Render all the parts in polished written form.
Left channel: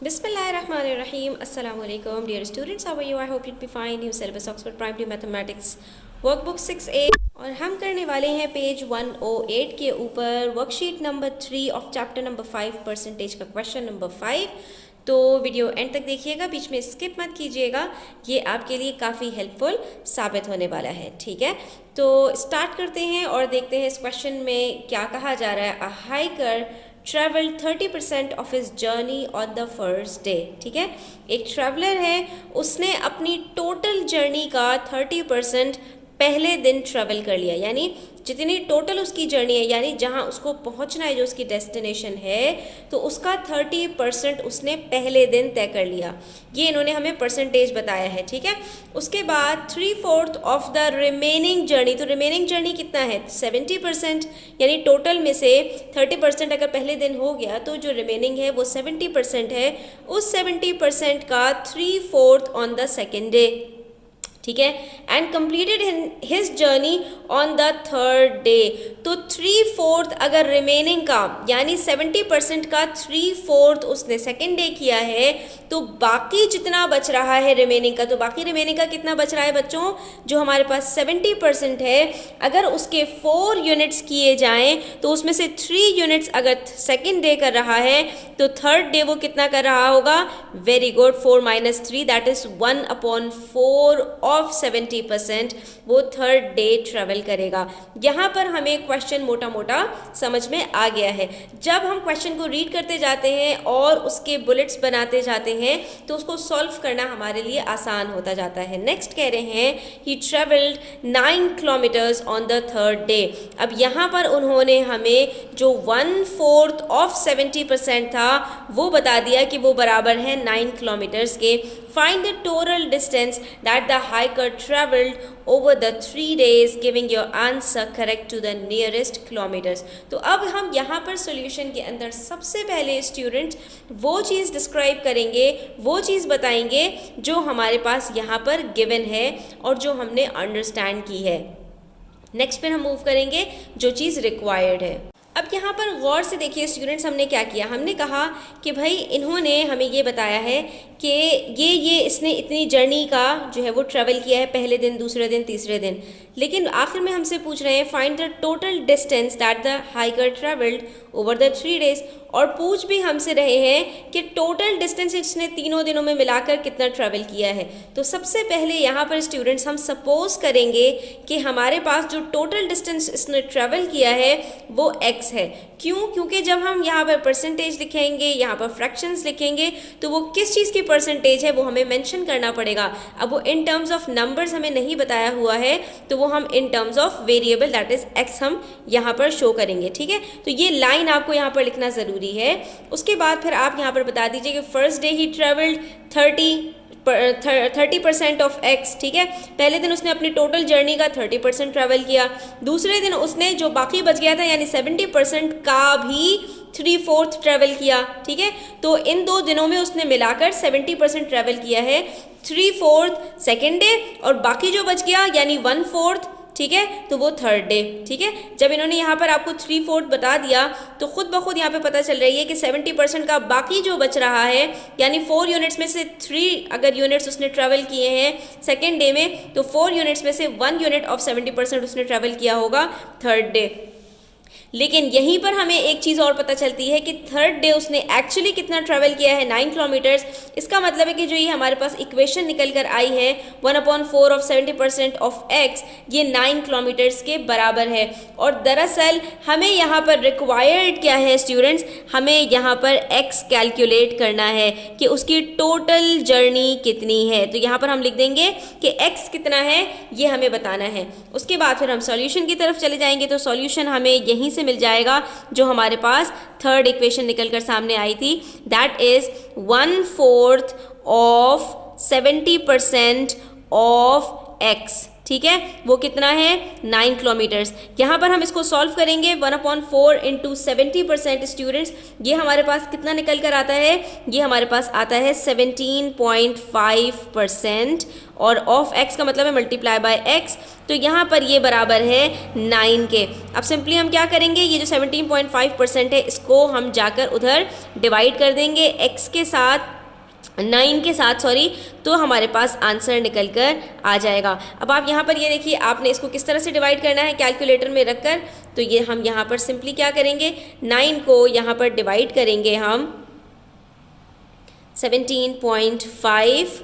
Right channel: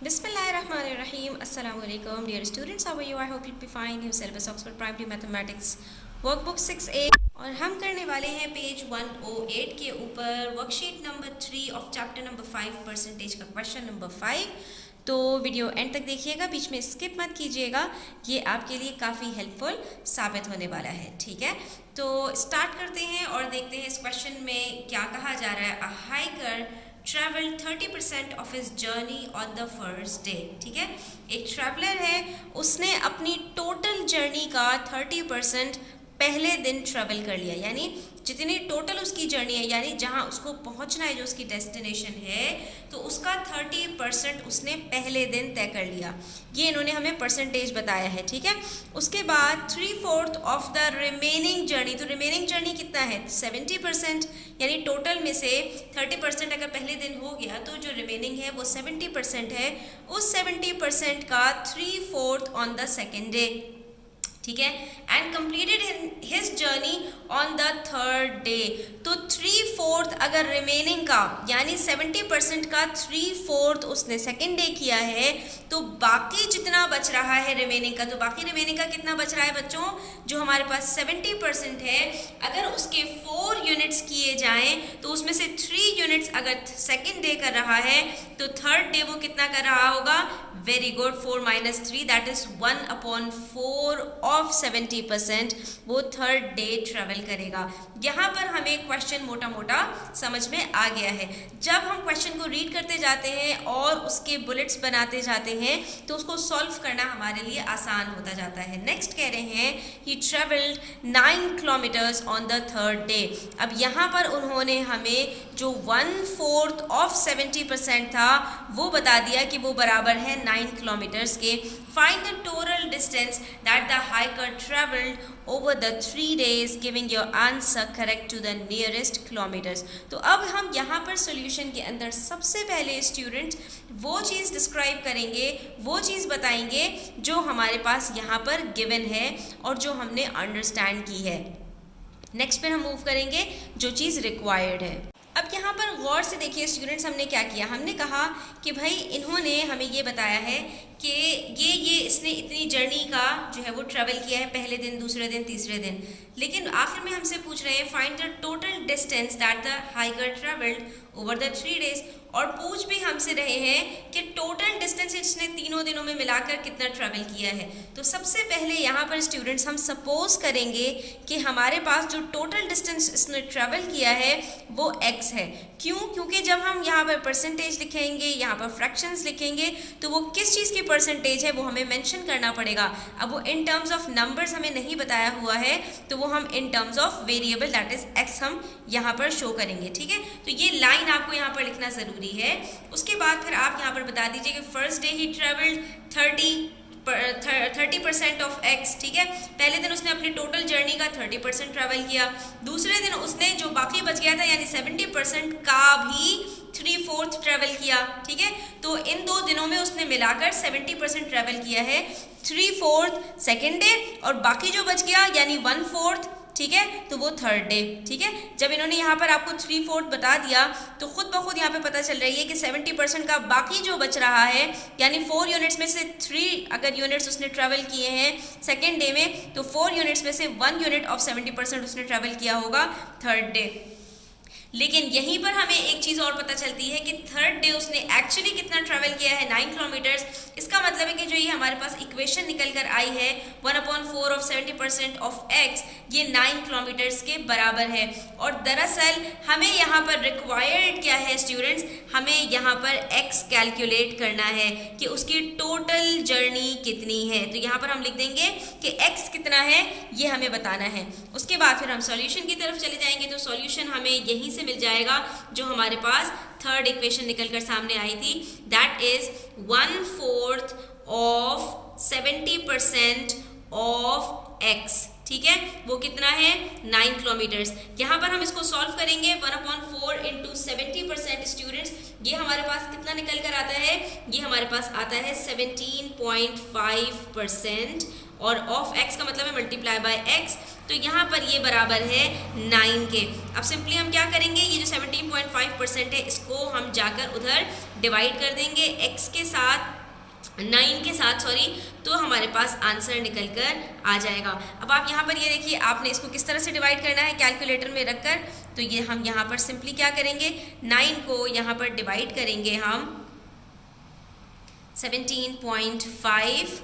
Bismillahirrahmanirrahim. Assalamu alaikum. Dear students, how are you? I hope you'll be fine. New syllabus Oxford Primary Mathematics workbook 6A और हम करने वाले हैं page 108 के ऊपर worksheet number 3 of chapter number 5 percentage का question number 5। तो video and तक देखिएगा, बीच में स्किप मत कीजिएगा, ये आपके लिए काफ़ी हेल्पफुल साबित होने वाला है। ठीक है, तो स्टार्ट करते हैं और देखते हैं इस क्वेश्चन में क्या कहा जा रहा है। A hiker travel 30% of his journey on the first day. ठीक है, एक ट्रैवलर है, उसने अपनी टोटल जर्नी का 30% पहले दिन ट्रेवल कर लिया, यानी जितनी टोटल उसकी जर्नी है, यानी जहां उसको पहुंचना है, जो उसकी डेस्टिनेशन है, तो उसका 30% उसने पहले दिन तय कर लिया। ये इन्होंने हमें परसेंटेज बताया है। ठीक है, उसके बाद 3/4 ऑफ द रिमेनिंग जर्नी। तो रिमेनिंग जर्नी कितना है? 70%, यानी टोटल में से 30% अगर पहले दिन हो गया तो जो रिमेनिंग है वो 70% है। उस 70% का 3/4 ऑन द सेकेंड डे। ठीक है, and completed his journey on the third day. तो 3/4 अगर रिमेनिंग का, यानी 70% का 3/4 उसने सेकेंड डे किया है, तो बाकी जितना बच रहा है रिमेनिंग का, तो बाकी रिमेनिंग का कितना बच रहा है बच्चों? जो हमारे पास 70% है, अगर उसके 4 यूनिट्स किए जाएं तो उसमें से 3 यूनिट्स अगर सेकेंड डे कर रहा है तो थर्ड डे वो कितना कर रहा होगा? Very good, 4 - 3 that is 1/4 of 70% वो थर्ड डे ट्रेवल करेगा। यहाँ पर हमें क्वेश्चन मोटा मोटा समझ में आ गया है। जब हम क्वेश्चन को रीड करते जाते हैं और उसके बुलेट्स बनाते जाते हैं तो उसको सॉल्व करना हमारे लिए आसान होता जाता है। नेक्स्ट कह रहे हैं he travelled 9 kilometres on the third day. अब यहाँ पर उन्होंने हमें जो 1/4 ऑफ 70% था वो बता दिया कि वो बराबर है 9 किलोमीटर्स के। Find the total distance that the hiker traveled over the 3 days, giving your answer correct to the nearest kilometers. तो अब हम यहाँ पर सॉल्यूशन के अंदर सबसे पहले स्टूडेंट्स वो चीज़ डिस्क्राइब करेंगे, वो चीज़ बताएंगे जो हमारे पास यहाँ पर गिवन है और जो हमने अंडरस्टैंड की है। नेक्स्ट पर हम मूव करेंगे जो चीज़ रिक्वायर्ड है। अब यहाँ पर गौर से देखिए स्टूडेंट्स, हमने क्या किया? हमने कहा कि भाई इन्होंने हमें ये बताया है कि ये इसने इतनी जर्नी का जो है वो ट्रैवल किया है, पहले दिन, दूसरे दिन, तीसरे दिन, लेकिन आखिर में हमसे पूछ रहे हैं find the total distance that the hiker travelled over the 3 days. और पूछ भी हमसे रहे हैं कि टोटल डिस्टेंस इसने तीनों दिनों में मिलाकर कितना ट्रैवल किया है। तो सबसे पहले यहाँ पर स्टूडेंट्स हम सपोज करेंगे कि हमारे पास जो टोटल डिस्टेंस इसने ट्रैवल किया है वो x है। क्यों? क्योंकि जब हम यहाँ पर परसेंटेज लिखेंगे, यहाँ पर फ्रैक्शंस लिखेंगे, तो वो किस चीज़ की परसेंटेज है वो हमें मेंशन करना पड़ेगा। अब वो इन टर्म्स ऑफ नंबर्स हमें नहीं बताया हुआ है, तो वो हम in terms of variable that is x हम यहाँ पर शो करेंगे। ठीक है, तो ये लाइन आपको यहाँ पर लिखना ज़रूरी है। उसके बाद फिर आप यहाँ पर बता दीजिए कि first day he travelled 30% of x। ठीक है, पहले दिन उसने अपनी टोटल जर्नी का 30% ट्रैवल किया, दूसरे दिन उसने जो बाकी बच गया था यानी 70% का भी 3/4 ट्रैवल किया। ठीक है, तो इन 2 दिनों में उसने मिलाकर 70% ट्रैवल किया है, 3/4 सेकेंड डे और बाकी जो बच गया यानी 1/4, ठीक है, तो वो थर्ड डे। ठीक है, जब इन्होंने यहाँ पर आपको 3/4 बता दिया तो खुद ब खुद यहाँ पे पता चल रही है कि 70% का बाकी जो बच रहा है, यानी 4 यूनिट्स में से 3 अगर यूनिट्स उसने ट्रैवल किए हैं सेकेंड डे में, तो 4 यूनिट्स में से 1 यूनिट ऑफ 70% उसने ट्रैवल किया होगा थर्ड डे। लेकिन यहीं पर हमें एक चीज़ और पता चलती है कि थर्ड डे उसने एक्चुअली कितना ट्रैवल किया है, 9 किलोमीटर्स। इसका मतलब है कि जो ये हमारे पास इक्वेशन निकल कर आई है 1/4 ऑफ 70% ऑफ x, ये 9 किलोमीटर्स के बराबर है। और दरअसल हमें यहाँ पर रिक्वायर्ड क्या है स्टूडेंट्स? हमें यहाँ पर x कैलकुलेट करना है कि उसकी टोटल जर्नी कितनी है। तो यहाँ पर हम लिख देंगे कि x कितना है ये हमें बताना है। उसके बाद फिर हम सॉल्यूशन की तरफ चले जाएंगे, तो सॉल्यूशन हमें यहीं मिल जाएगा जो हमारे पास थर्ड इक्वेशन निकलकर सामने आई थी, that is 1/4 of 70% of x। ठीक है, वो कितना है 9 किलोमीटर्स। यहाँ पर हम इसको सॉल्व करेंगे 1/4 इंटू 70% स्टूडेंट्स, ये हमारे पास कितना निकल कर आता है, ये हमारे पास आता है 17.5%, और ऑफ x का मतलब है मल्टीप्लाई बाय x, तो यहाँ पर ये बराबर है 9 के। अब सिंपली हम क्या करेंगे, ये जो 17.5% है इसको हम जाकर उधर डिवाइड कर देंगे x के साथ, 9 के साथ सॉरी, तो हमारे पास आंसर निकल कर आ जाएगा। अब आप यहाँ पर ये देखिए, आपने इसको किस तरह से डिवाइड करना है कैलकुलेटर में रखकर, तो ये हम यहाँ पर सिंपली क्या करेंगे, 9 को यहाँ पर डिवाइड करेंगे हम 17.5।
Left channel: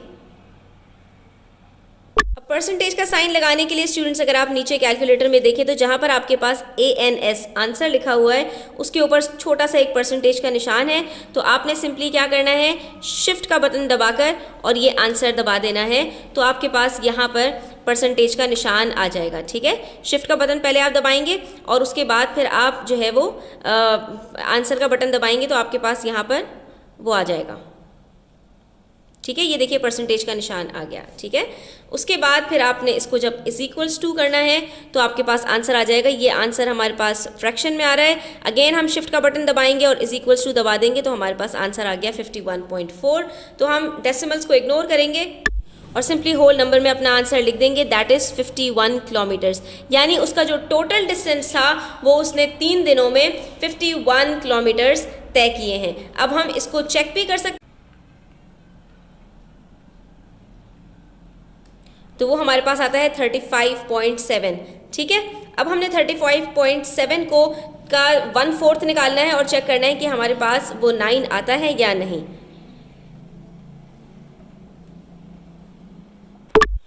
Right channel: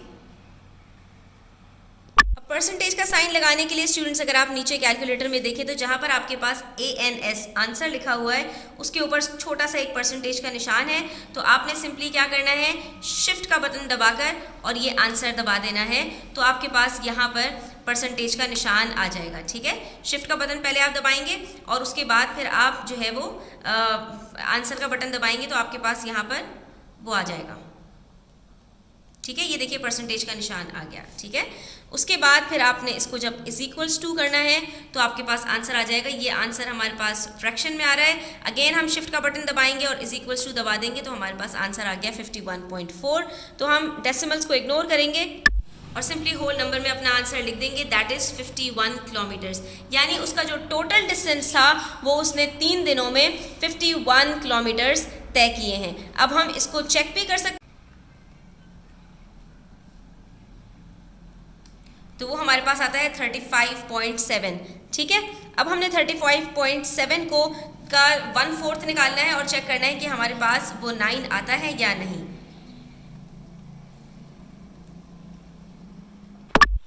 परसेंटेज का साइन लगाने के लिए स्टूडेंट्स अगर आप नीचे कैलकुलेटर में देखें तो जहां पर आपके पास ANS आंसर लिखा हुआ है उसके ऊपर छोटा सा एक परसेंटेज का निशान है, तो आपने सिंपली क्या करना है, शिफ्ट का बटन दबाकर और ये आंसर दबा देना है, तो आपके पास यहाँ पर परसेंटेज का निशान आ जाएगा। ठीक है, शिफ्ट का बटन पहले आप दबाएंगे और उसके बाद फिर आप जो है वो आंसर का बटन दबाएंगे, तो आपके पास यहाँ पर वो आ जाएगा। ठीक है, ये देखिए परसेंटेज का निशान आ गया। ठीक है, उसके बाद फिर आपने इसको जब इज इक्वल्स टू करना है तो आपके पास आंसर आ जाएगा। ये आंसर हमारे पास फ्रैक्शन में आ रहा है, अगेन हम शिफ्ट का बटन दबाएंगे और इज इक्वल्स टू दबा देंगे, तो हमारे पास आंसर आ गया 51.4। तो हम डेसिमल्स को इग्नोर करेंगे और सिंपली होल नंबर में अपना आंसर लिख देंगे, दैट इज़ 51 किलोमीटर्स, यानी उसका जो टोटल डिस्टेंस था वो उसने 3 दिनों में 51 किलोमीटर्स तय किए हैं। अब हम इसको चेक भी कर सकते, तो वो हमारे पास आता है 35.7। ठीक है, अब हमने 35.7 को का 1/4 निकालना है और चेक करना है कि हमारे पास वो 9 आता है या नहीं।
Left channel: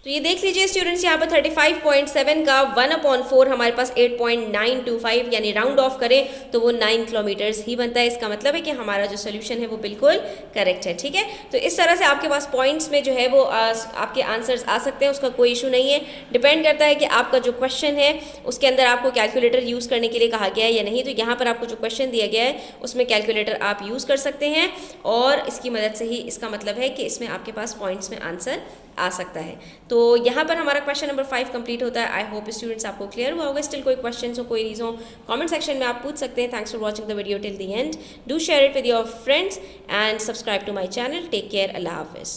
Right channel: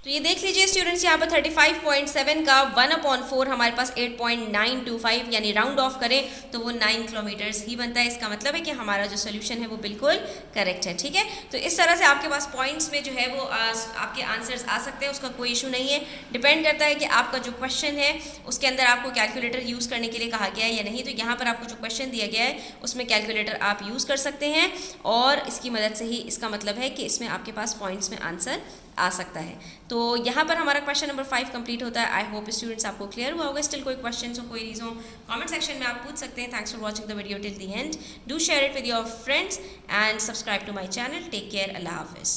तो ये देख लीजिए स्टूडेंट्स, यहाँ पर 35.7 का 1/4 हमारे पास 8.925, यानी राउंड ऑफ करें तो वो 9 किलोमीटर्स ही बनता है। इसका मतलब है कि हमारा जो सोल्यूशन है वो बिल्कुल करेक्ट है। ठीक है, तो इस तरह से आपके पास पॉइंट्स में जो है वो आपके आंसर्स आ सकते हैं, उसका कोई इशू नहीं है। डिपेंड करता है कि आपका जो क्वेश्चन है उसके अंदर आपको कैलकुलेटर यूज़ करने के लिए कहा गया है या नहीं। तो यहाँ पर आपको जो क्वेश्चन दिया गया है उसमें कैलकुलेटर आप यूज़ कर सकते हैं और इसकी मदद से ही इसका मतलब है कि इसमें आपके पास पॉइंट्स में आंसर आ सकता है। तो यहाँ पर हमारा क्वेश्चन नंबर 5 कंप्लीट होता है। आई होप स्टूडेंट्स आपको क्लियर हुआ होगा। स्टिल कोई क्वेश्चन हो, कोई रीज़न हो, कमेंट सेक्शन में आप पूछ सकते हैं। Thanks for watching the video till the end. Do share it with your friends and subscribe to my channel. Take care, अल्लाह हाफिज़।